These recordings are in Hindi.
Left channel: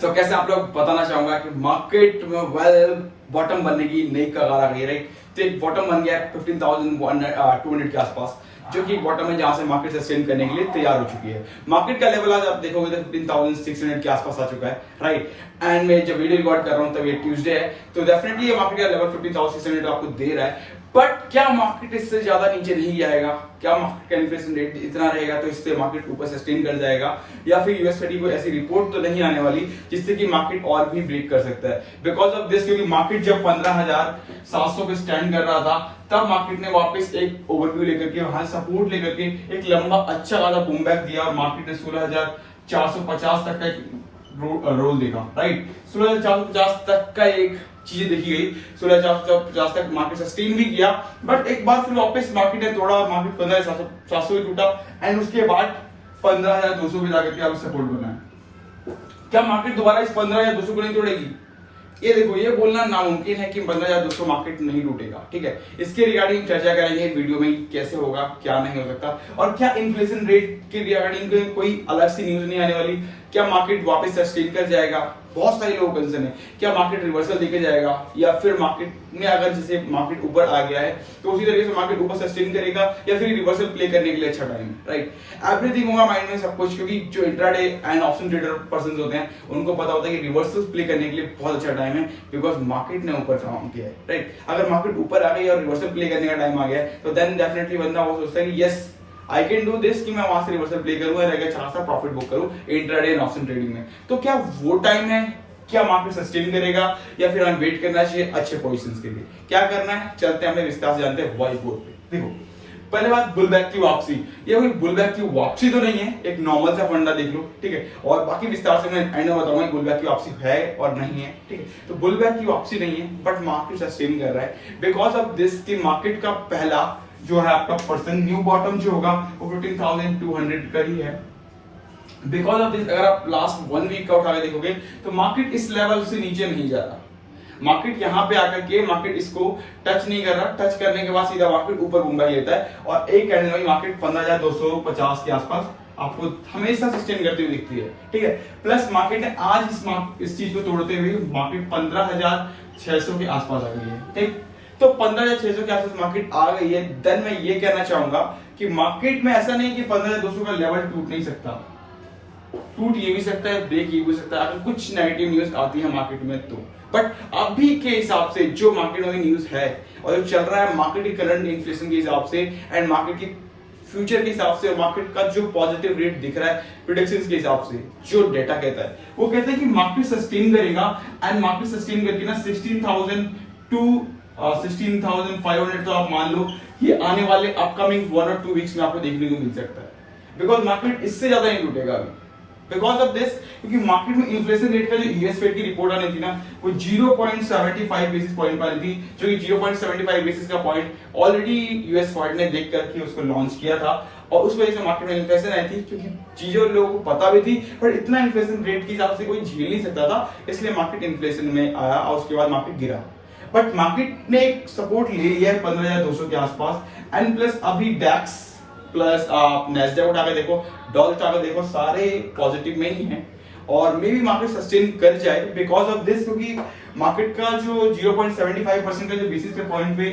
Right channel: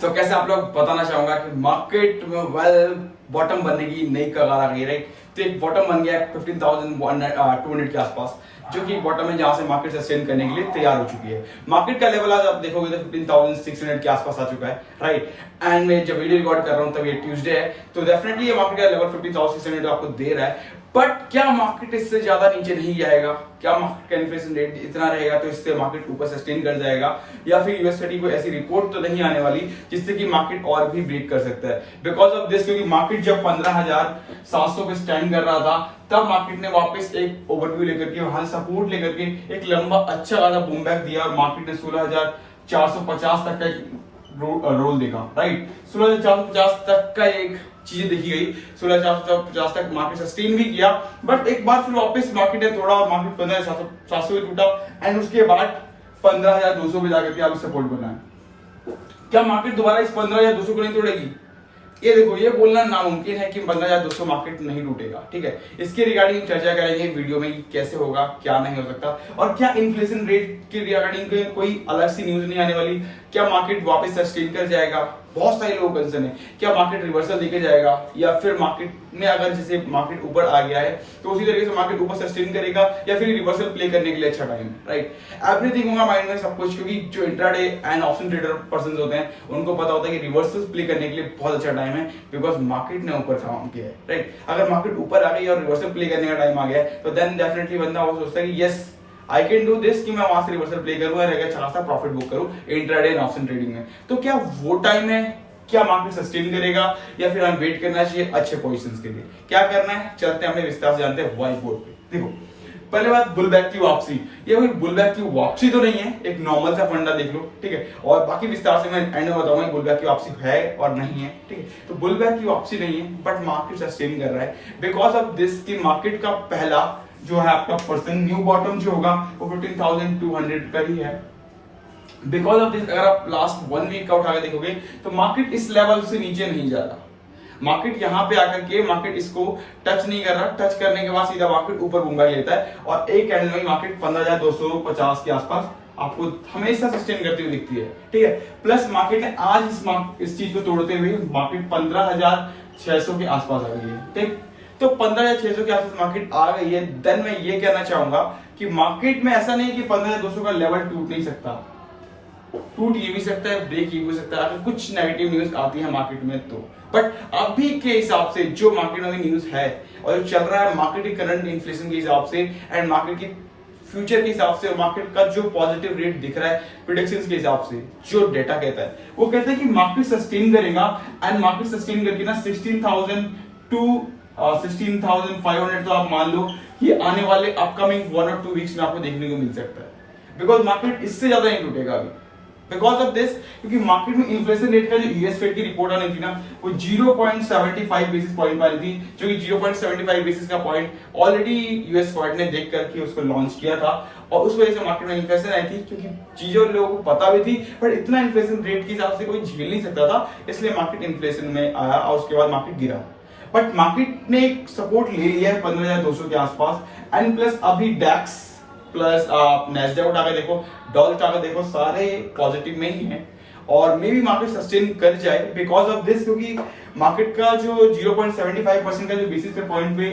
तो कैसे आप लोग बताना चाहूंगा कि मार्केट में वेल बॉटम बनने की नई कगार आ गई है, राइट। तो एक बॉटम बन गया है 15,200 के आसपास, जो कि बॉटम है जहां से मार्केट सस्टेन करने के लिए तैयार हो चुकी है। मार्केट का लेवल आज आप देखोगे तो 15,600 के आसपास आ चुका है, राइट। एंड मैं जब वीडियो रिकॉर्ड कर रहा हूं तब ये ट्यूसडे है, तो डेफिनेटली ये मार्केट का लेवल 15,600 आपको दे रहा है। बट क्या मार्केट इससे ज्यादा नीचे नहीं जाएगा? क्या मार्केट का इन्फ्लेशन रेट इतना रहेगा तो इससे मार्केट ऊपर सस्टेन कर जाएगा, या फिर यूएस को ऐसी रिपोर्ट तो नहीं आने वाली जिससे कि मार्केट और भी ब्रेक कर सकता है? बिकॉज ऑफ दिस, क्योंकि मार्केट जब 15,700 पे स्टैंड कर रहा था तब मार्केट ने वापस एक ओवरव्यू लेकर के, हाल सपोर्ट लेकर के एक लंबा अच्छा खासा बूम बैक दिया और मार्केट ने 16,450 तक का रोल देखा, राइट। 16,450 तक का एक चीज देखी गई, 16,450 तक मार्केट सस्टेन भी किया, बट एक बार फिर वापस मार्केट ने तोड़ा, मार्केट 15,700 पे टूटा एंड उसके बाद 15,200 पे जाकर के अभी सपोर्ट बना है। क्या मार्केट दोबारा इस 15,200 को नहीं तोड़ेगी? ये देखो, ये बोलना नामुमकिन है कि 15,200 मार्केट नहीं टूटेगा, ठीक है। इसके रिगार्डिंग चर्चा करेंगे वीडियो में, कैसे होगा, क्या नहीं हो सकता, और क्या इन्फ्लेशन रेट के रिगार्डिंग कोई अलग सी न्यूज नहीं आने वाली। क्या मार्केट वापस सस्टेन कर जाएगा? बहुत सारे लोगों का कंसर्न है, क्या मार्केट रिवर्सल देके जाएगा, या फिर मार्केट में अगर जैसे मार्केट ऊपर आ गया है तो उसी तरीके से मार्केट ऊपर सस्टेन करेगा, या फिर रिवर्सल प्ले करने के लिए अच्छा टाइम है, राइट। एवरीथिंग होगा माइंड में सब कुछ, क्योंकि जो intraday and option trader person होते हैं उनको पता होता है कि रिवर्सल प्ले करने के लिए बहुत अच्छा टाइम है, बिकॉज मार्केट ने ऊपर काम किया है, राइट। अगर मार्केट ऊपर आ गई और रिवर्सल प्ले करने का टाइम आ गया है तो देन डेफिनेटली बंदा वो सोचता है कि yes I can do this, कि मैं वहां से रिवर्सल प्ले करूं और अच्छा खासा प्रॉफिट बुक करूं इंट्राडे एंड ऑप्शन ट्रेडिंग में। तो क्या वो टाइम है? क्या मार्केट सस्टेन करेगा, या फिर हमें वेट करना चाहिए अच्छे पोजीशंस के लिए? क्या करना है, चलते हैं, हमें विस्तार से जानते हैं व्हाइट बोर्ड पे। देखो, पहले बात बुलबैक की वापसी। ये कोई बुलबैक की वापसी तो नहीं है, एक नॉर्मल सा फंडा देख लो, ठीक है। और बाकी विस्तार से मैं एंड में बताऊंगा बुलबैक की वापसी है और नहीं है, ठीक है। तो बुलबैक की वापसी नहीं है, बट मार्केट सस्टेन कर रहा है बिकॉज ऑफ दिस की मार्केट का पहला जो है आपका पर्सन न्यू बॉटम जो होगा वो 15,200 का ही है। बिकॉज ऑफ दिस, अगर आप लास्ट 1 वीक का उठा के देखोगे तो मार्केट इस लेवल से नीचे नहीं जा रहा। मार्केट यहां पे आकर के मार्केट इसको टच नहीं कर रहा, टच करने के बाद सीधा मार्केट ऊपर बूम बैक लेता है और एक कैंडल में मार्केट 15,250 के आसपास आपको हमेशा सस्टेन करती हुई दिखती है, ठीक है। प्लस मार्केट ने आज इस चीज को तोड़ते हुए मार्केट 15,600 के आसपास आ गई है, ठीक। तो 15,600 के आसपास मार्केट आ गई है। देन मैं ये कहना चाहूंगा कि मार्केट में ऐसा नहीं कि 15,200 का लेवल टूट नहीं सकता, टूट ये भी सकता है, ब्रेक ये भी सकता है अगर कुछ नेगेटिव न्यूज आती है मार्केट में तो। बट अभी के हिसाब से जो मार्केट में न्यूज है और जो चल रहा है मार्केट की करंट इन्फ्लेशन के हिसाब से एंड मार्केट की फ्यूचर के हिसाब से और मार्केट का जो पॉजिटिव रेट दिख रहा है प्रेडिक्शंस के हिसाब से, जो डेटा कहता है वो कहता है कि मार्केट सस्टेन करेगा एंड मार्केट सस्टेन करके ना 16,000 टू 16,500 तो आप मान लो ये आने वाले अपकमिंग 1 और 2 वीक्स में आपको देखने को मिल सकता है, बिकॉज मार्केट इससे ज्यादा नहीं टूटेगा अभी बिकॉज ऑफ दिस। क्योंकि मार्केट में इन्फ्लेशन रेट का जो यूएस फेड की रिपोर्ट आनी थी ना वो 0.75 बेसिस पॉइंट वाली थी, जो कि 0.75 बेसिस का पॉइंट ऑलरेडी यूएस फेड ने देख करके उसको लॉन्च किया था और उस वजह से मार्केट में इन्फ्लेशन आई थी, क्योंकि चीजें लोगों को पता भी थी पर इतना इन्फ्लेशन रेट के हिसाब से कोई झेल नहीं सकता था, इसलिए मार्केट इन्फ्लेशन में आया और उसके बाद मार्केट गिरा। बट मार्केट ने एक सपोर्ट ले लिया है 15,200 के आसपास एंड प्लस अभी डैक्स प्लस आप नैस्डैक उठा के देखो, डॉल उठा के देखो, सारे पॉजिटिव में ही हैं और मे भी मार्केट सस्टेन कर जाए बिकॉज ऑफ दिस, क्योंकि मार्केट का जो 0.75% का जो बेसिस पे पॉइंट पे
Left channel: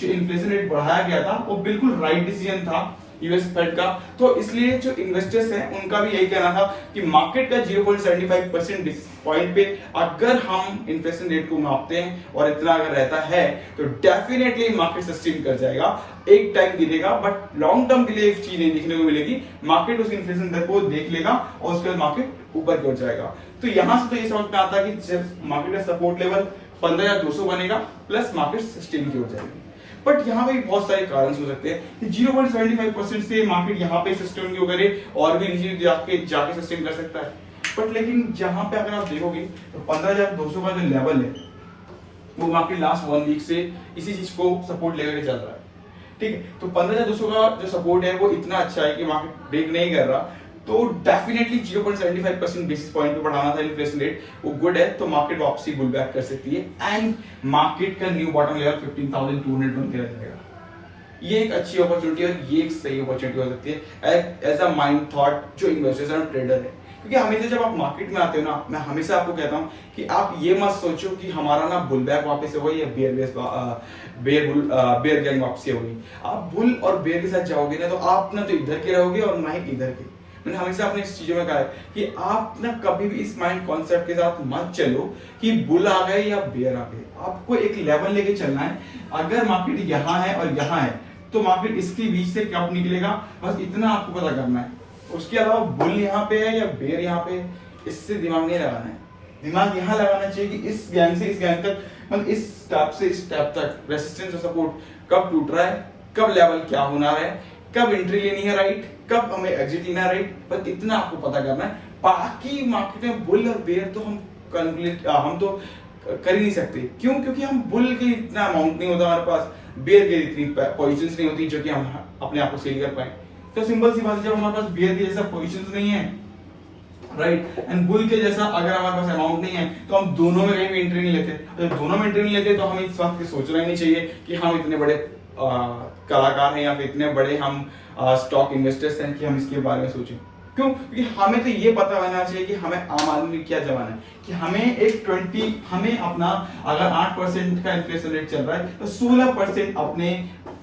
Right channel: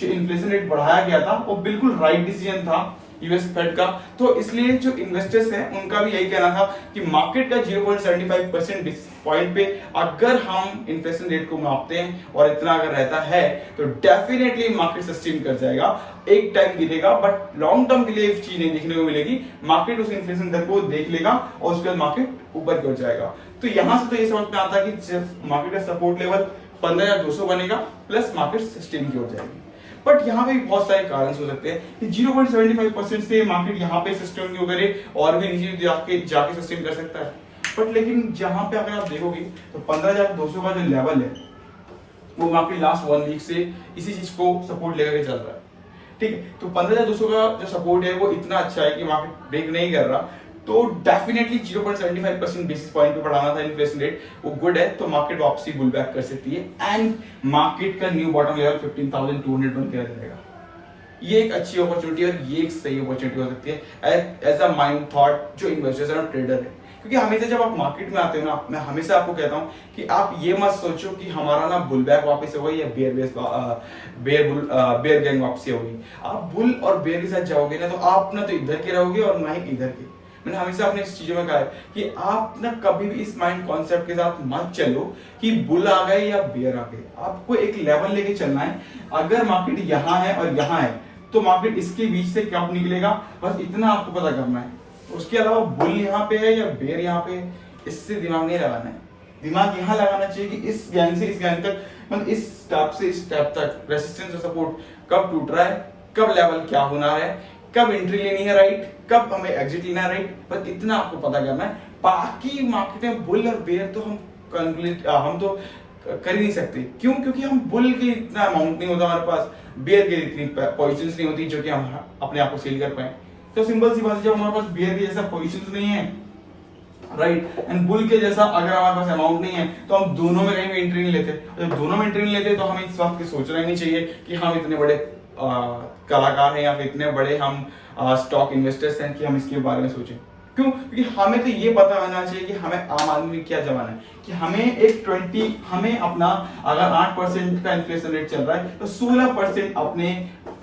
जो इन्फ्लेशन रेट बढ़ाया गया था वो बिल्कुल राइट डिसीजन था यूएस फेड का। तो इसलिए जो इन्वेस्टर्स हैं उनका भी यही कहना था कि मार्केट का 0.75% पॉइंट पे अगर हम इन्फ्लेशन रेट को मापते हैं और इतना अगर रहता है तो डेफिनेटली मार्केट सस्टेन कर जाएगा। एक टाइम गिरेगा बट लॉन्ग टर्म के लिए एक चीज नहीं देखने को मिलेगी, मार्केट उस इन्फ्लेशन दर को देख लेगा और उसके बाद मार्केट ऊपर की ओर जाएगा। तो यहां से तो ये समझ में आता है कि मार्केट का सपोर्ट लेवल 15,200 बनेगा प्लस मार्केट सस्टेन की ओर जाएगी। बट यहाँ पे बहुत सारे कारण हो सकते हैं। 0.75% से मार्केट यहाँ पे सस्टेन क्यों करे और भी नीचे जाके सस्टेन कर सकता है। बट लेकिन जहां पे अगर आप देखोगे तो 15,200 का जो लेवल है वो मार्केट लास्ट 1 वीक से इसी चीज को सपोर्ट लेकर चल रहा है, ठीक है। तो 15,200 का जो सपोर्ट है वो इतना अच्छा है कि मार्केट ब्रेक नहीं कर रहा, तो डेफिनेटली 0.75% बेसिस पॉइंट पे बढ़ाना था इन्फ्लेशन रेट, वो गुड है। तो मार्केट वापसी बुल बैक कर सकती है एंड मार्केट का न्यू बॉटम लेवल 15,200 बन के रह जाएगा। ये एक अच्छी अपॉर्चुनिटी है और ये एक सही अपॉर्चुनिटी हो सकती है एज अ माइंड थॉट जो इन्वेस्टर्स और ट्रेडर है। क्योंकि हमेशा जब आप मार्केट में आते हो ना, मैं हमेशा आपको कहता हूँ कि आप ये मत सोचो कि हमारा ना बुल बैक वापस हो गई या बेयर गैंग वापसी हो गई। आप बुल और बेयर के साथ जाओगे ना तो आप ना तो इधर के रहोगे और ना ही इधर के। मैंने हमेशा अपने इस चीजों में कहा है कि आप ना कभी भी इस माइंड कॉन्सेप्ट के साथ मत चलो कि बुल आ गए या बेयर आ गए। आपको एक लेवल लेके चलना है। अगर मार्केट यहाँ है और यहाँ है तो मार्केट इसके बीच से कब निकलेगा, बस इतना आपको पता करना है। उसके अलावा बुल यहाँ पे है या बेयर यहाँ पे है, इससे दिमाग नहीं लगाना है। दिमाग यहाँ लगाना चाहिए कि इस गैंग से इस गैंग तक, मतलब इस स्टेप से इस स्टेप तक रेसिस्टेंस और सपोर्ट कब टूट रहा है, कब लेवल क्या होना है, कब एंट्री लेनी है राइट, कब हमें एग्जिट लेना है राइट, बस इतना आपको पता करना है। बाकी मार्केट में बुल और बेयर तो हम तो कर ही नहीं सकते। क्यों? क्योंकि हम बुल के इतना अमाउंट नहीं होता हमारे पास, बेयर के इतनी पोजीशंस नहीं होती जो कि हम अपने आप को सेल कर पाए। तो सिंपल सी बात है, जब हमारे पास बेयर के जैसा पोजीशंस नहीं है राइट एंड बुल के जैसा अगर हमारे पास अमाउंट नहीं है तो हम दोनों में कहीं भी एंट्री नहीं लेते। जब दोनों में एंट्री नहीं लेते तो हमें इस वक्त सोचना ही नहीं चाहिए कि हम इतने बड़े कलाकार हैं या फिर इतने बड़े हम स्टॉक इन्वेस्टर्स हैं कि हम इसके बारे में सोचें। क्यों? क्योंकि हमें तो ये पता होना चाहिए कि हमें आम आदमी क्या जमाना है कि हमें अपना अगर 8% का इन्फ्लेशन रेट चल रहा है तो 16% अपने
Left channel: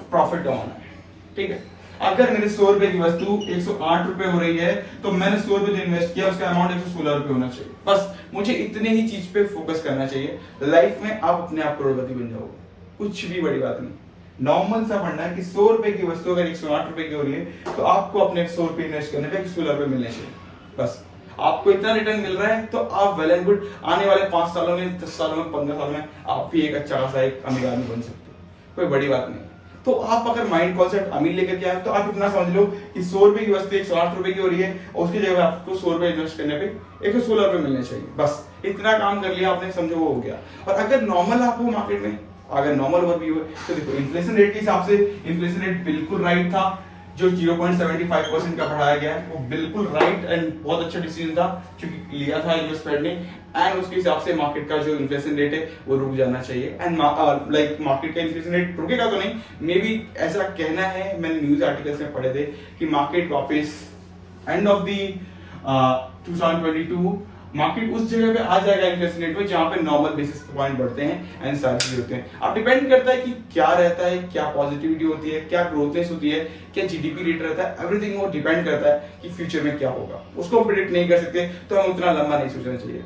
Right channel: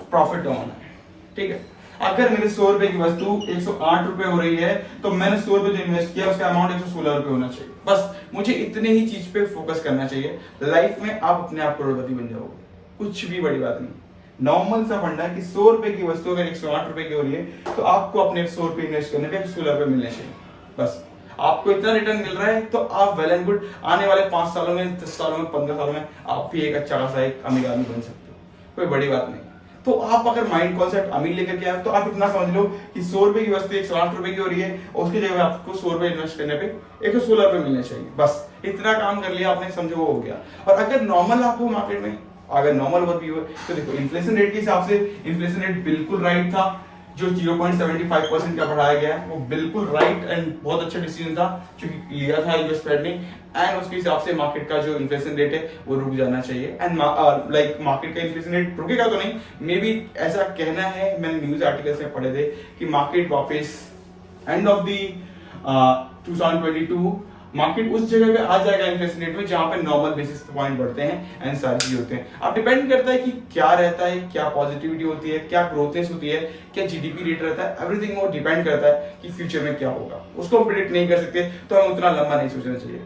प्रॉफिट कमाना है। ठीक है, अगर मेरे 100 रुपए की वस्तु 108 रुपए हो रही है तो मैंने 100 रुपए जो इन्वेस्ट किया उसका अमाउंट 116 रुपए होना चाहिए। बस मुझे इतने ही चीज पे फोकस करना चाहिए। लाइफ में आप अपने आप करोड़पति बन जाओगे, कुछ भी बड़ी बात नहीं। नॉर्मल सा फंडा है कि 100 रुपए की वस्तु अगर 108 रुपए की हो रही है तो आपको अपने 100 रुपए इन्वेस्ट करने पे 16 रुपए मिलने चाहिए। बस आपको इतना रिटर्न मिल रहा है तो आप वेल एंड गुड। आने वाले 5 सालों में, 10 सालों में, 15 सालों में आप भी एक अच्छा खासा एक अमीर आदमी बन सकते हो, कोई बड़ी बात नहीं। तो आप अगर माइंड कॉन्सेप्ट अमीर लेकर के आए तो आप इतना समझ लो कि 100 रुपए की वस्तु 108 रुपए की हो रही है और उसकी जगह आपको 100 रुपए इन्वेस्ट करने पे 116 रुपए मिलने चाहिए। बस इतना काम कर लिया आपने, समझो वो हो गया। और अगर नॉर्मल आपको मार्केट में अगर नॉर्मल ओवरव्यू है तो देखो इन्फ्लेशन रेट के हिसाब से इन्फ्लेशन रेट बिल्कुल राइट था। जो 0.75% का बढ़ाया गया है वो बिल्कुल राइट एंड बहुत अच्छा डिसीजन था जो लिया था यूएस फेड ने। एंड उसके हिसाब से मार्केट का जो इन्फ्लेशन रेट है वो रुक जाना चाहिए। एंड लाइक मार्केट का इन्फ्लेशन रेट रुकेगा तो नहीं, मे बी ऐसा कहना है, मैंने न्यूज आर्टिकल्स में पढ़े थे कि मार्केट वापस एंड ऑफ दी 2022 मार्केट उस जगह पे आ जाएगा इन्फ्लेशन रेट में जहां पे नॉर्मल बेसिस पॉइंट बढ़ते हैं एंड सारी चीजें होते हैं। अब डिपेंड करता है कि क्या रहता है, क्या पॉजिटिविटी होती है, क्या ग्रोथनेस होती है, क्या जीडीपी रेट रहता है। एवरीथिंग वो डिपेंड करता है कि फ्यूचर में क्या होगा, उसको प्रिडिक्ट नहीं कर सकते। तो हमें उतना लंबा नहीं सोचना चाहिए।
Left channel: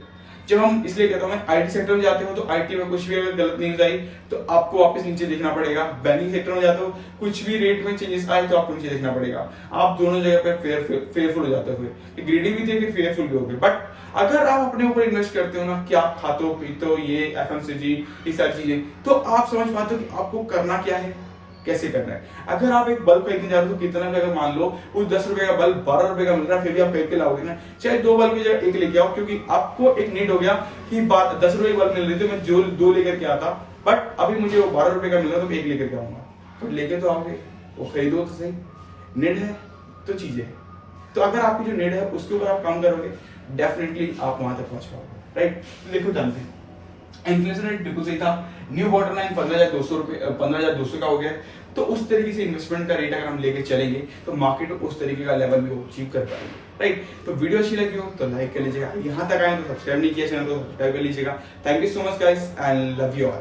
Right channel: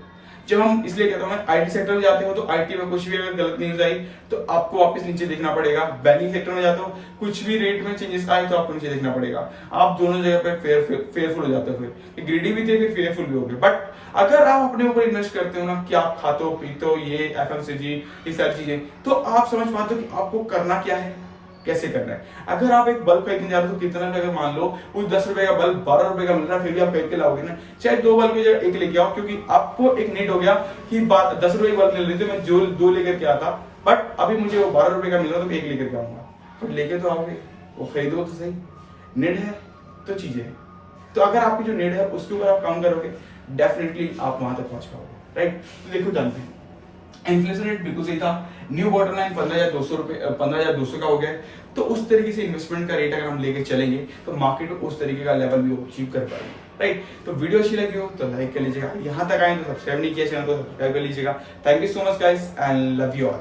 जब हम इसलिए कहता हूं मैं आईटी सेक्टर में जाते हो तो आईटी में कुछ भी अगर गलत न्यूज आई तो आपको वापस नीचे देखना पड़ेगा। बैंकिंग सेक्टर में जाते हो कुछ भी रेट में चेंजेस आए तो आपको नीचे देखना पड़ेगा। आप दोनों जगह पे फेयरफुल हो जाते हो, फिर ग्रीडी भी थे फिर फेयरफुल भी हो गए। बट अगर आप अपने ऊपर इन्वेस्ट करते हो ना कि आप खाते हो पीते हो ये एफएमसीजी ये सारी चीजें, तो आप समझ पाते हो कि आपको करना क्या है, कैसे करना है। अगर आप एक बल्ब खरीदने जा रहे हो तो कितना भी अगर मान लो वो 10 रुपए का बल्ब 12 रुपए का मिल रहा है फिर भी आप खरीद के लाओगे ना, चाहे 2 बल्ब की जगह 1 लेके आओ। क्योंकि आपको एक नीड हो गया कि 10 रुपए की बल्ब मिल रही थी, मैं जो 2 लेकर के आता, बट अभी मुझे वो 12 रुपए का मिल रहा है तो 1 लेकर के आऊंगा। तो लेके तो आओगे, वो खरीदो तो सही। नीड है तो चीजें है। तो अगर आपकी जो नीड है उसके ऊपर आप काम करोगे डेफिनेटली आप वहां तक पहुंच पाओगे राइट। तो देखो जानते हैं इन्फ्लेशन रेट बिल्कुल सही था। न्यू बॉटम लाइन 15,200 का हो गया। तो उस तरीके से इन्वेस्टमेंट का रेट अगर हम लेके चलेंगे तो मार्केट उस तरीके का लेवल भी अचीव कर पाएंगे राइट। तो वीडियो अच्छी लगी हो तो लाइक कर लीजिएगा, यहाँ तक आए तो सब्सक्राइब नहीं किया चैनल को सब्सक्राइब कर लीजिएगा। Thank you so much guys and love you all.